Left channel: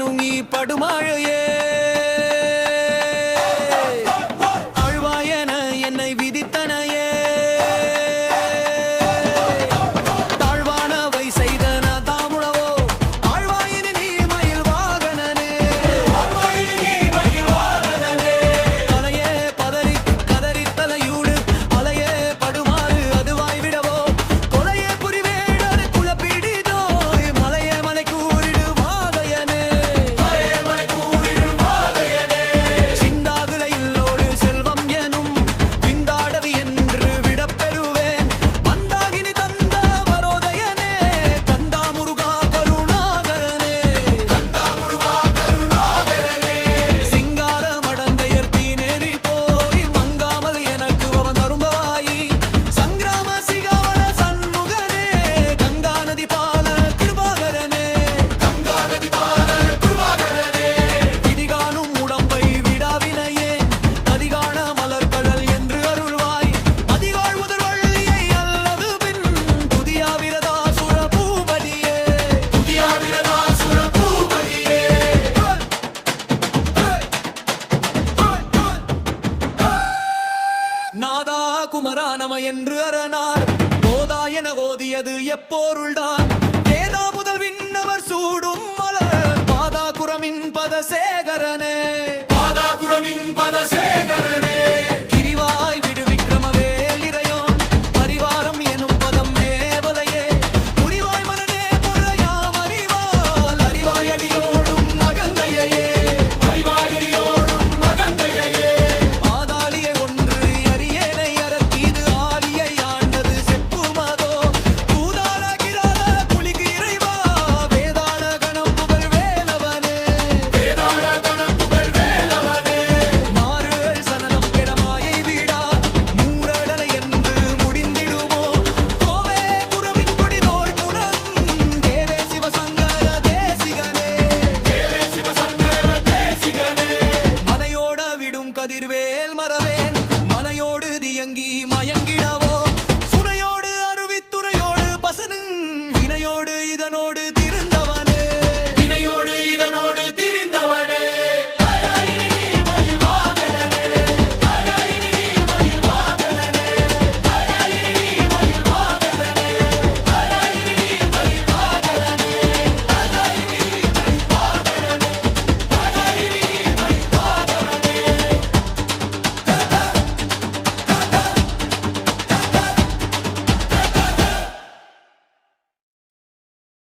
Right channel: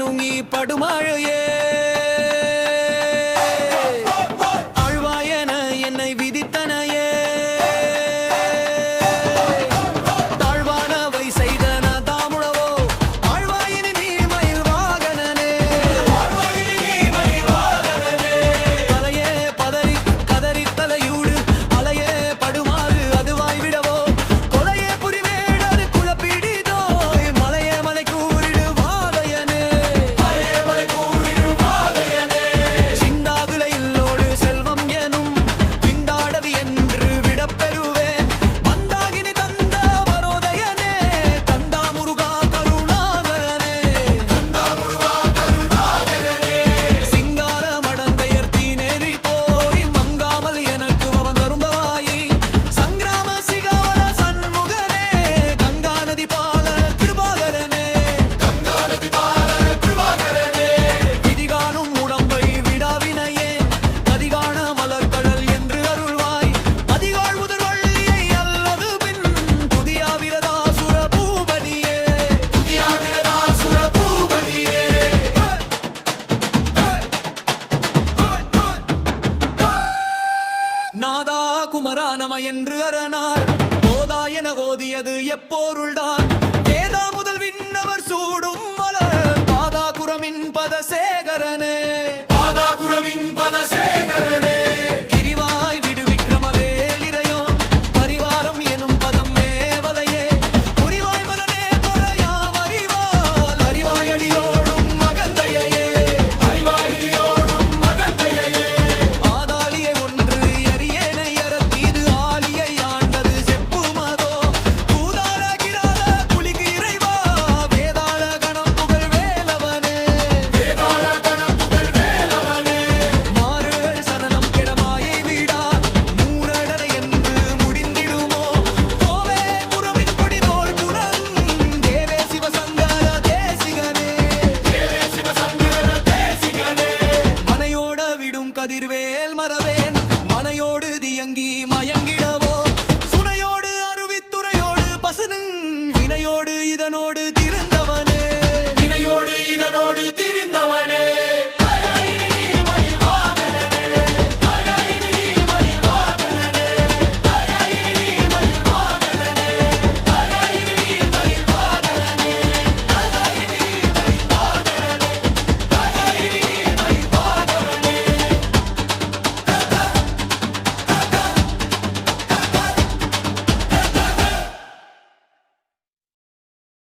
எனும் நீ படுமழையே ஆழ்வாயன என்னை விதித்தனையே தாழ்வானவை செய்தன தாமுழவோ ஆழ்வாயினி நீ மயில் வாகனனே தலையே பதறி கதறி தலையூடு அலையே படுமாறு அதுவாய் விடவோ கொலையே புரிவேடர் குலப்பிடிதோ மலையே மலை கூறிடு வாகையனே சிந்தாகுலை இல்லோடு செல்வம் எனும் விந்தாடவி என்று விடப்பெறுவேன் வந்தாகினி தந்த வரோதயனே கந்தா முருகா கருணாகரனே சிங்கார மடந்தையர் தீநெறி போய் மங்காமல் எனக்கு அவன் தரும்பவாயி சங்கிராம சிகாவள சண்முகனே கங்கா நதி பால கிருபாகரனே இதிகானும் உடம்பை விடாவினையே நதிகான மலர்கடல் என்று அருள்வாய் அதிகாள் முதல்வள்ளியை அல்லது பின் துதியாவிரதாசுர பூபதியே நாதா குமரா நம என்று அரணார் போதா என ஓதியது எப்போருள்தான் வேதா முதல் விண்ணவர் சூடும் மலர் பாதா குரமின் பதசேகரனே